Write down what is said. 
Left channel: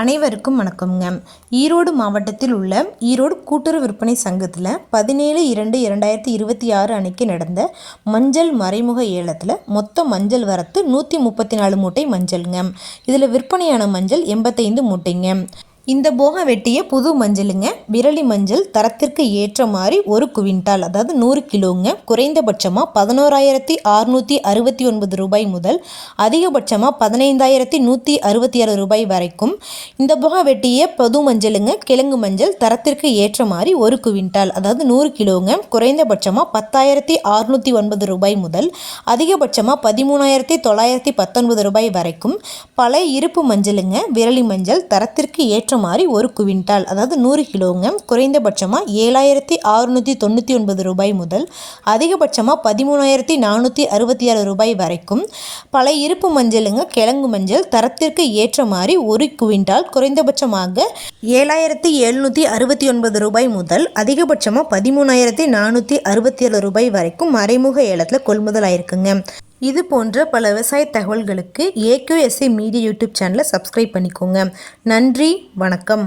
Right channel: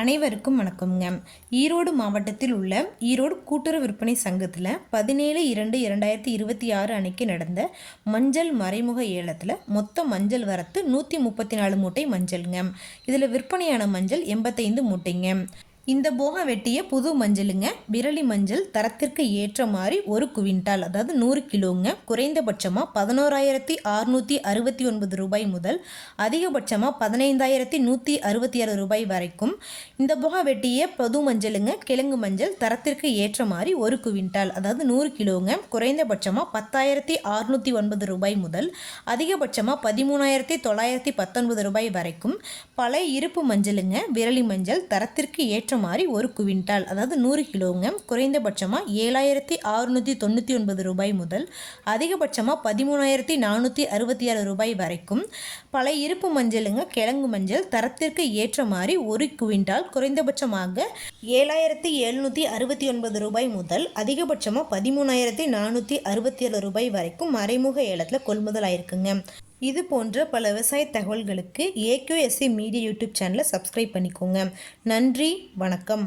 அனைவருக்கும் வணக்கம்ங்க. ஈரோடு மாவட்டத்தில் உள்ள ஈரோடு கூட்டுறவு விற்பனை சங்கத்தில் 17/2/2026 அன்னைக்கு நடந்த மஞ்சள் மறைமுக ஏலத்தில் மொத்த மஞ்சள் வரத்து 134 மூட்டை மஞ்சள்ங்க. இதில் விற்பனையான மஞ்சள் 85 மூட்டைங்க. இந்த போக வெட்டிய புது மஞ்சளுங்க. விரலி மஞ்சள் தரத்திற்கு ஏற்ற மாதிரி 1 குவிண்டால், அதாவது 100 கிலோங்க. குறைந்தபட்சமாக 11,669 ரூபாய் முதல் அதிகபட்சமாக 15,166 ரூபாய் வரைக்கும். இந்த போக வெட்டிய புது மஞ்சளுங்க. கிழங்கு மஞ்சள் தரத்திற்கு ஏற்ற மாதிரி 1 குவிண்டால், அதாவது 100 கிலோங்க. குறைந்தபட்சமாக 10,609 ரூபாய் முதல் அதிகபட்சமாக 13,919 ரூபாய் வரைக்கும். பழைய இருப்பு மஞ்சளுங்க. விரலி மஞ்சள் தரத்திற்கு ஏற்ற மாதிரி 1 குவிண்டால், அதாவது 100 கிலோங்க. குறைந்தபட்சமாக 7,699 ரூபாய் முதல் அதிகபட்சமாக 13,466 ரூபாய் வரைக்கும். பழைய இருப்பு மஞ்சளுங்க. கிழங்கு மஞ்சள் தரத்திற்கு ஏற்ற மாதிரி 1 குவிண்டால், குறைந்தபட்சமாக 7,769 ரூபாய் முதல் அதிகபட்சமாக 13,467 ரூபாய் வரைக்கும் மறைமுக ஏலத்தில் கொள்முதல் ஆயிருக்குங்க. இது போன்ற பல விவசாய தகவல்களுக்கு AQSA மீடியா யூடியூப் சேனலை சப்ஸ்கிரைப் பண்ணிக்கோங்க. நன்றி, வணக்கம்.